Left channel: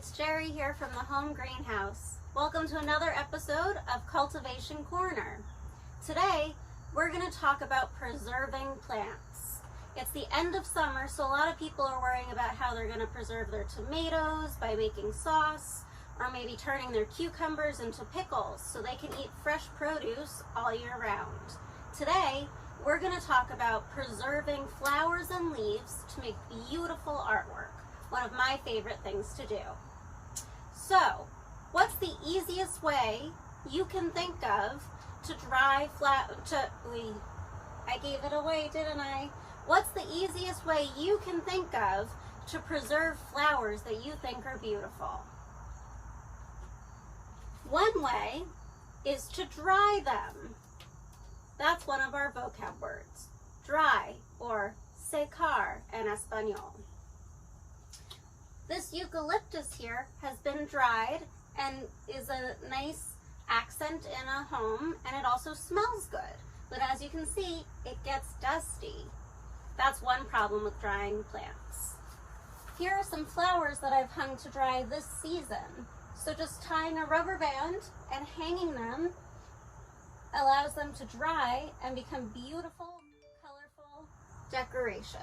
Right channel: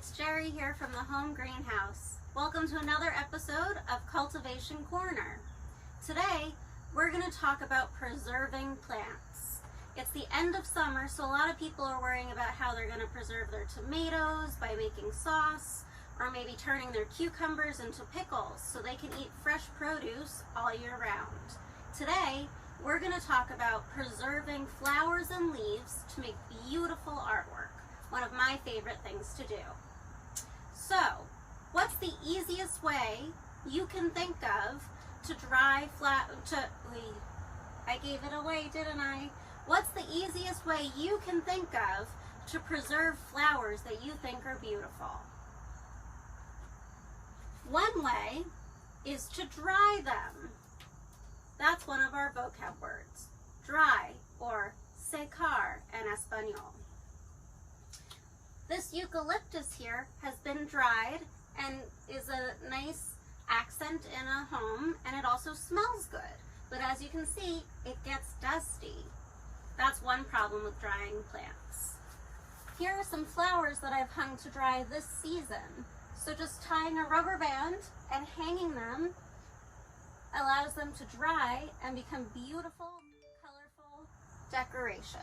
it's Jerry here from the Home Greenhouse. Welcome to another episode of Cultivation Corner. Today, we're going to talk about preserving plants. It's the end of summer, so a lot of people are worrying about how they're going to preserve their tomatoes by making sauce, or maybe turning their cucumbers into pickles so they can eat fresh produce all year round. Today, we're going to talk about preserving flowers and leaves to make beautiful artwork, one of my favorite things to do. So, what's the easiest way you can think of to dry I gave it away, didn't I? What's the easiest way you can think of to preserve flowers that you think are beautiful? One way is to dry them. That's one of our vocab words. Dry, or secar in Espanol. This eucalyptus here has been dried and is a nice accent in a home, and it also smells good. But as you can see, it gets dusty. That's one problem with drying plants. Here are some flowers that I've hung to dry this season. So just tying a rubber band and hanging them allows them to dry and become beautiful, colorful decorations.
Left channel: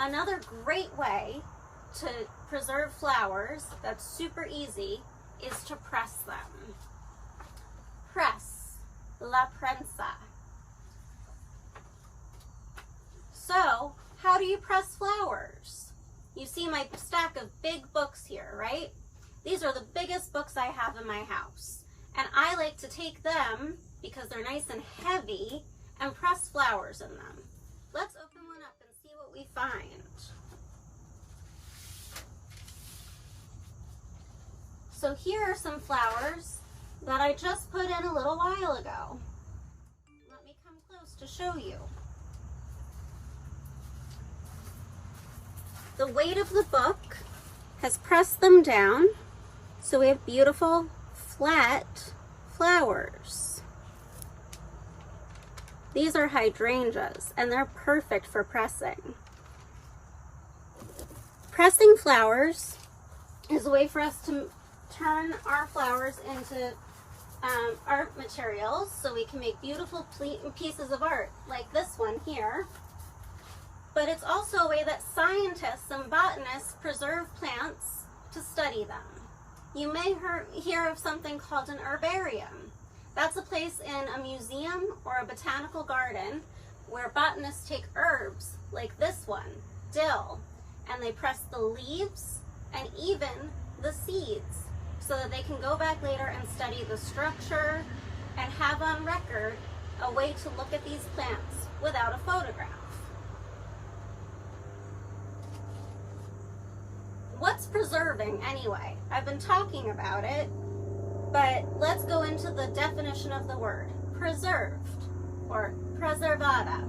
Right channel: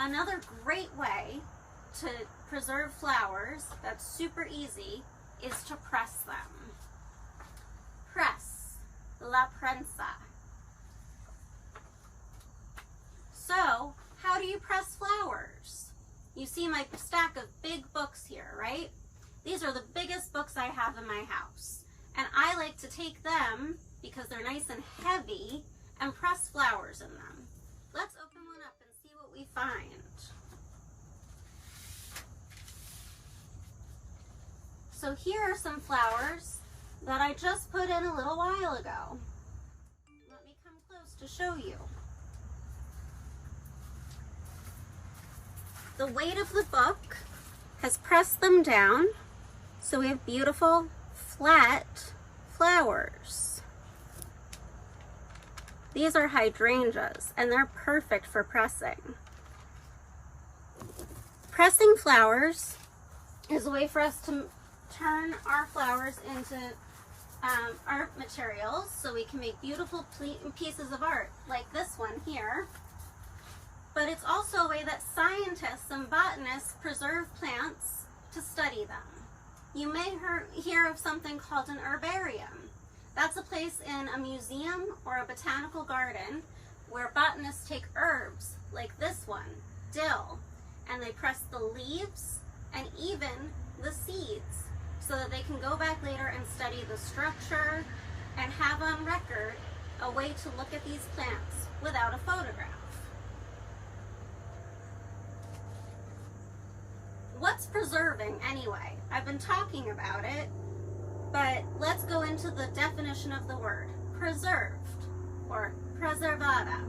Another great way to preserve flowers that's super easy is to press them. Press, la prensa. So, how do you press flowers? You see my stack of big books here, right? These are the biggest books I have in my house. And I like to take them, because they're nice and heavy, and press flowers in them. Let's open one up and see what we find. So here are some flowers that I just put in a little while ago. Let me come close to show you. The weight of the book has pressed them down, so we have beautiful flat flowers. These are hydrangeas, and they're perfect for pressing. Pressing flowers is a way for us to turn our flowers into art materials, so we can make beautiful pieces of art like this one here. But it's also a way that scientists and botanists preserve plants to study them. You may hear of something called an herbarium. That's a place in a museum or a botanical garden where botanists take herbs like this one, dill, and they press the leaves and even the seeds so that they can go back later and study the structure and have on record a way to look at these plants without a photograph. What's preserving anyway? I've been talking about it, but let's go into the definition of the word. Preserved, or preservada.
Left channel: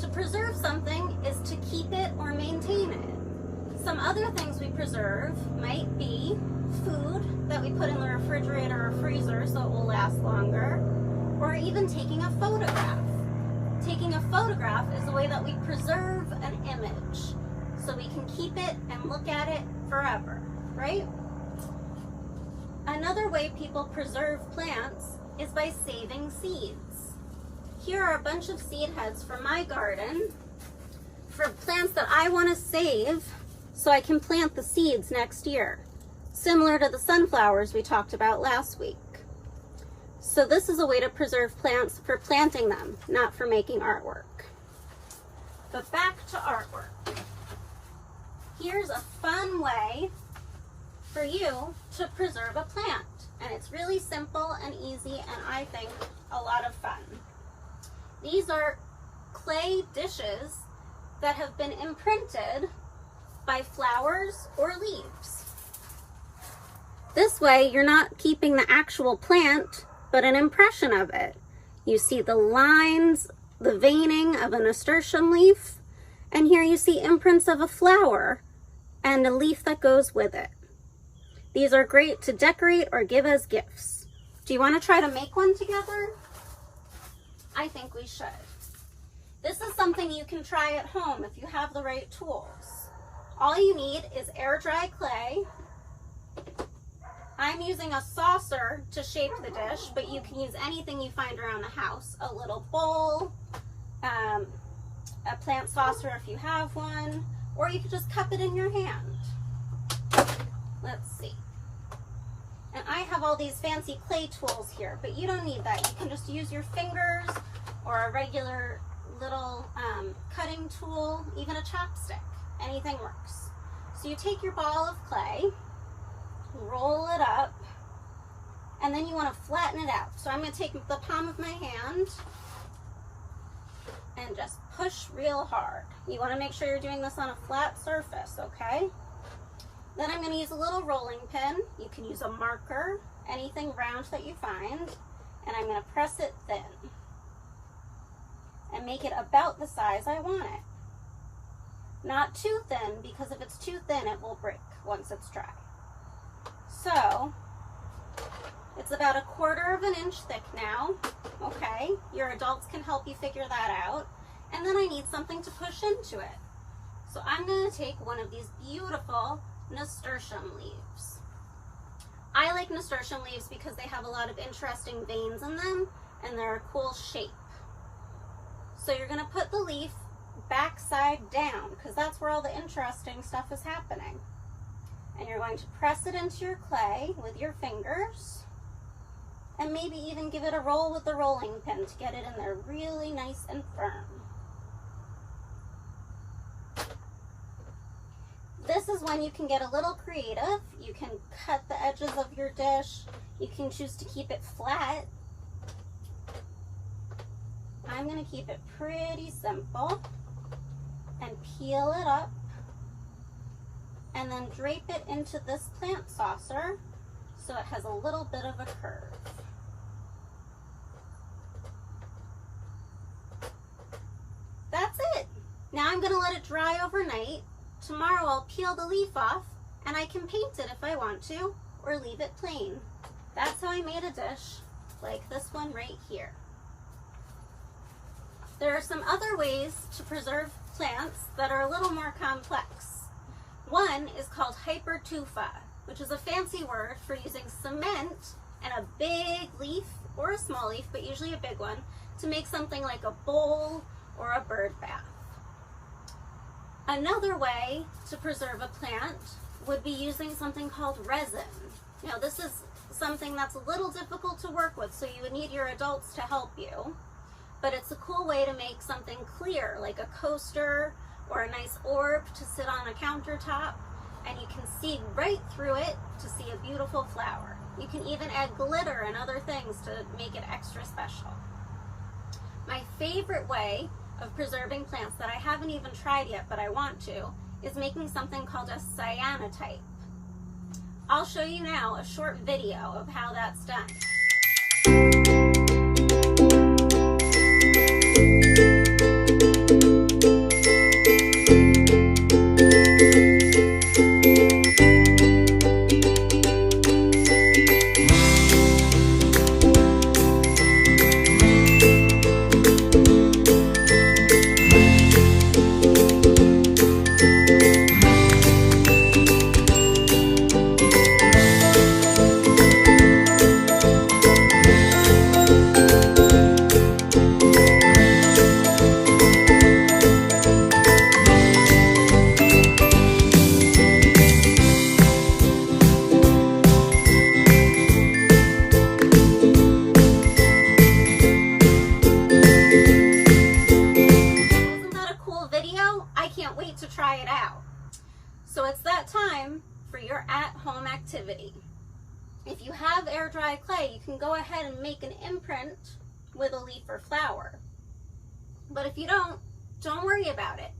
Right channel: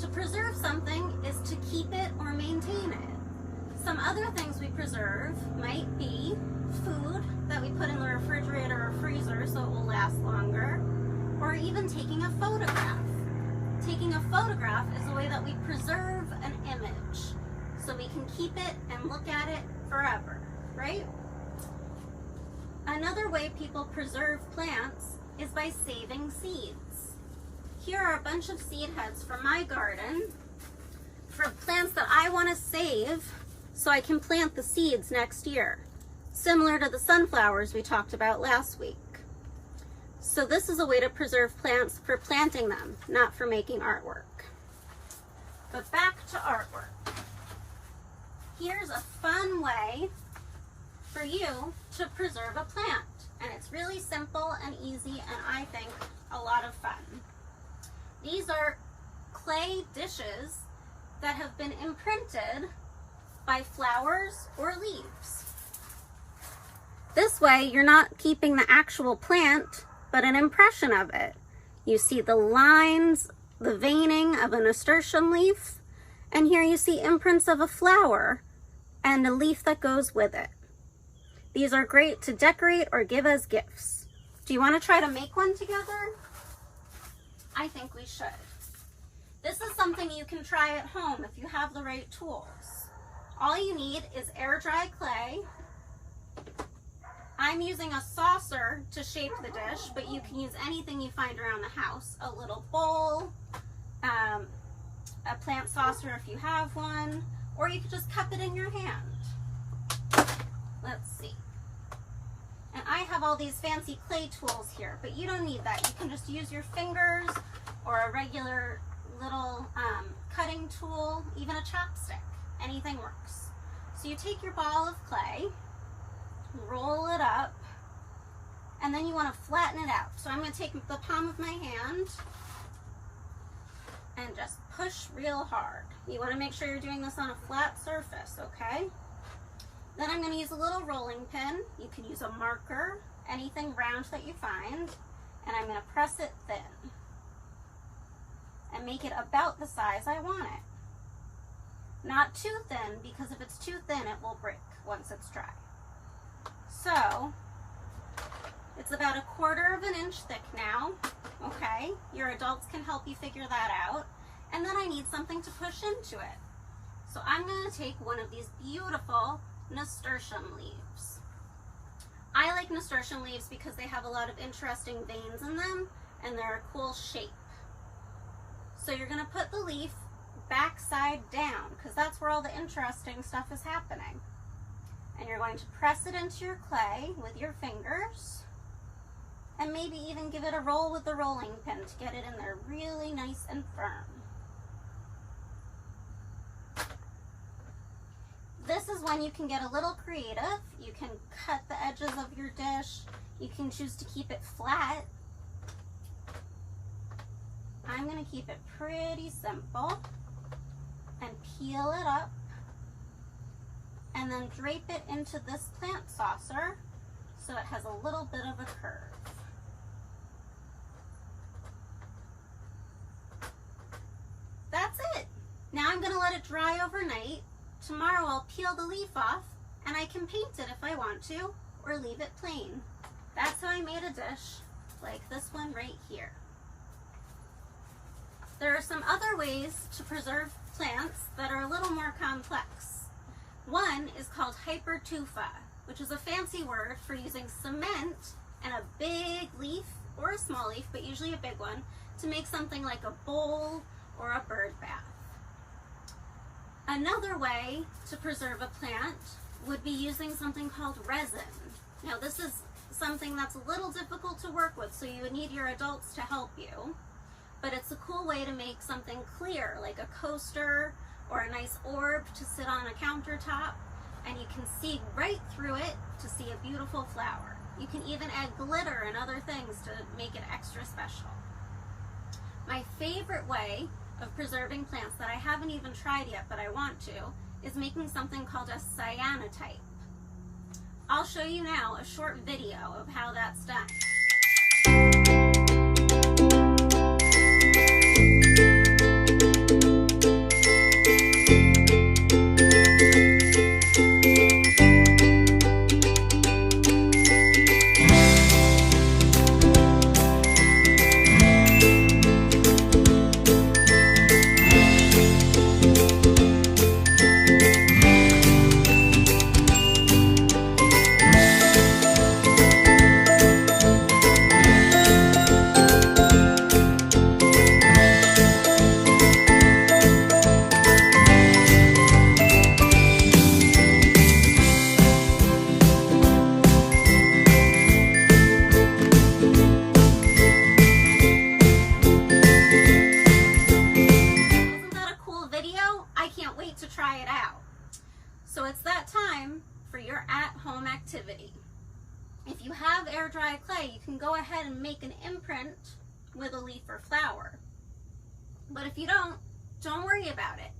To preserve something is to keep it or maintain it. Some other things we preserve might be food that we put in the refrigerator or freezer so it will last longer, or even taking a photograph. Taking a photograph is a way that we preserve an image, so we can keep it and look at it forever, right? Another way people preserve plants is by saving seeds. Here are a bunch of seed heads from my garden for plants that I want to save so I can plant the seeds next year, similar to the sunflowers we talked about last week. So this is a way to preserve plants for planting them, not for making artwork. But back to artwork. Here's a fun way for you to preserve a plant. And it's really simple and easy, and I think a lot of fun. These are clay dishes that have been imprinted by flowers or leaves. This way, you're not keeping the actual plant, but an impression of it. You see the lines, the veining of a nasturtium leaf, and here you see imprints of a flower and a leaf that goes with it. These are great to decorate or give as gifts. Do you want to try to make one together? I think we should. This is something you can try at home if you have the right tools. All you need is air dry clay. I'm using a saucer to shape the dish, but you can use anything you find around the house. A little bowl, a plant saucer if you have one, or you could just cup it in your hand. Let's see. And I have all these fancy clay tools here, but you don't need that. You can just use your fingers or a regular little cutting tool, even a chopstick. Anything works. So you take your ball of clay, roll it up, and then you want to flatten it out. So I'm going to take the palm of my hand and just push real hard. You want to make sure you're doing this on a flat surface, okay? Then I'm going to use a little rolling pin. You can use a marker, anything round that you find, and I'm going to press it thin and make it about the size I want it. Not too thin, because if it's too thin, it will break once it's dry. So it's about 1/4 of an inch thick now, okay? Your adults can help you figure that out. And then I need something to push into it. So I'm going to take one of these beautiful nasturtium leaves. I like nasturtium leaves because they have a lot of interesting veins in them and they're a cool shape. So you're going to put the leaf backside down because that's where all the interesting stuff is happening. And you're going to press it into your clay with your fingers and maybe even give it a roll with the rolling pin to get it in there really nice and firm. This is when you can get a little creative. You can cut the edges of your dish. You can choose to keep it flat. I'm going to keep it pretty simple and peel it up and then drape it into this plant saucer so it has a little bit of a curve. That's it. Now I'm going to let it dry overnight. Tomorrow I'll peel the leaf off and I can paint it if I want to or leave it plain. That's how I made a dish like this one right here. There are some other ways to preserve plants that are a little more complex. One is called Hypertufa, which is a fancy word for using cement and a big leaf or a small leaf, but usually a big one, to make something like a bowl or a bird bath. Another way to preserve a plant would be using something called resin. Now this is something that's a little difficult to work with, so you would need your adults to help you. But it's a cool way to make something clear, like a coaster or a nice orb to sit on a countertop, and you can see right through it to see a beautiful flower. You can even add glitter and other things to make it extra special. My favorite way of preserving plants that I haven't even tried yet, but I want to, is making something called a cyanotype. I'll show you now a short video of how that's done. Try it out. So it's that time for your at-home activity. If you have air dry clay, you can go ahead and make an imprint with a leaf or flower. But if you don't worry about it.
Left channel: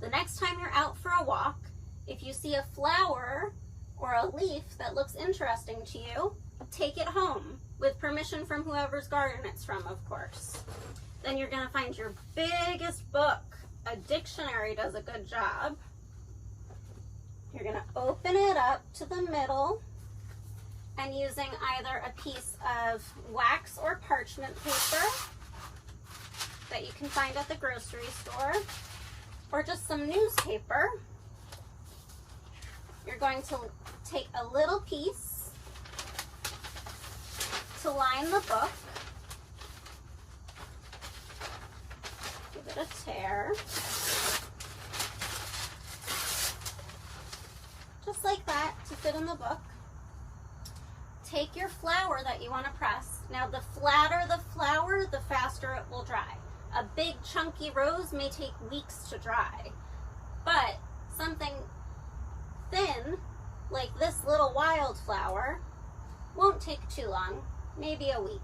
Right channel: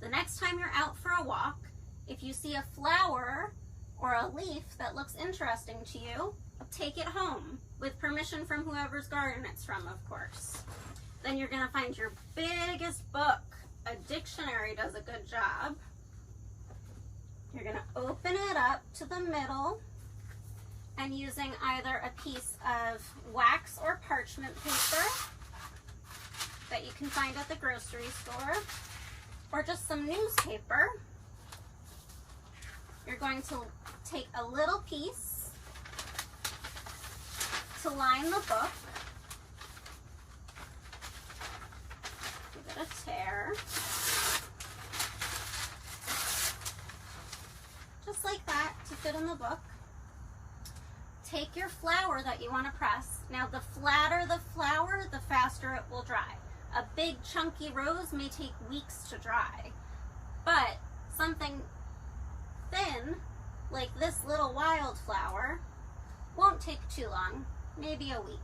The next time you're out for a walk, if you see a flower or a leaf that looks interesting to you, take it home with permission from whoever's garden it's from, of course. Then you're going to find your biggest book. A dictionary does a good job. You're going to open it up to the middle and using either a piece of wax or parchment paper that you can find at the grocery store or just some newspaper, you're going to take a little piece to line the book. Give it a tear. Just like that to fit in the book. Take your flower that you want to press. Now the flatter the flower, the faster it will dry. A big chunky rose may take weeks to dry, but something thin, like this little wildflower, won't take too long, maybe a week.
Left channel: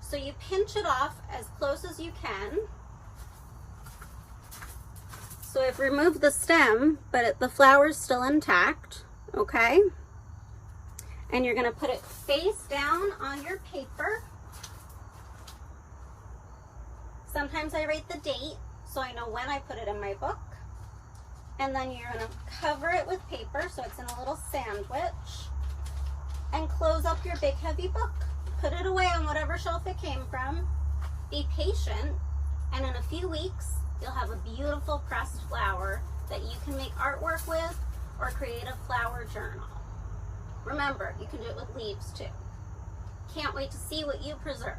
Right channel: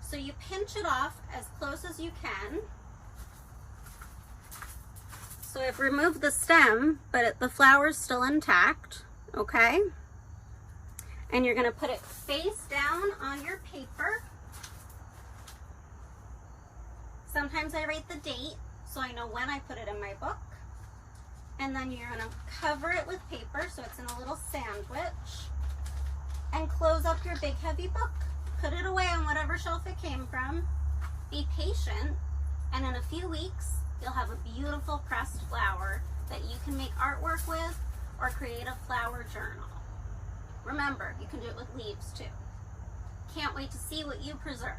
So you pinch it off as close as you can. So I've removed the stem, but the flower's still intact, okay? And you're gonna put it face down on your paper. Sometimes I write the date so I know when I put it in my book. And then you're gonna cover it with paper so it's in a little sandwich. And close up your big heavy book. Put it away on whatever shelf it came from. Be patient, and in a few weeks, you'll have a beautiful pressed flower that you can make artwork with or create a flower journal. Remember, you can do it with leaves too. Can't wait to see what you preserve.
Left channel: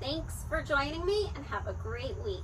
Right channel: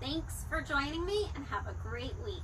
Thanks for joining me and have a great week.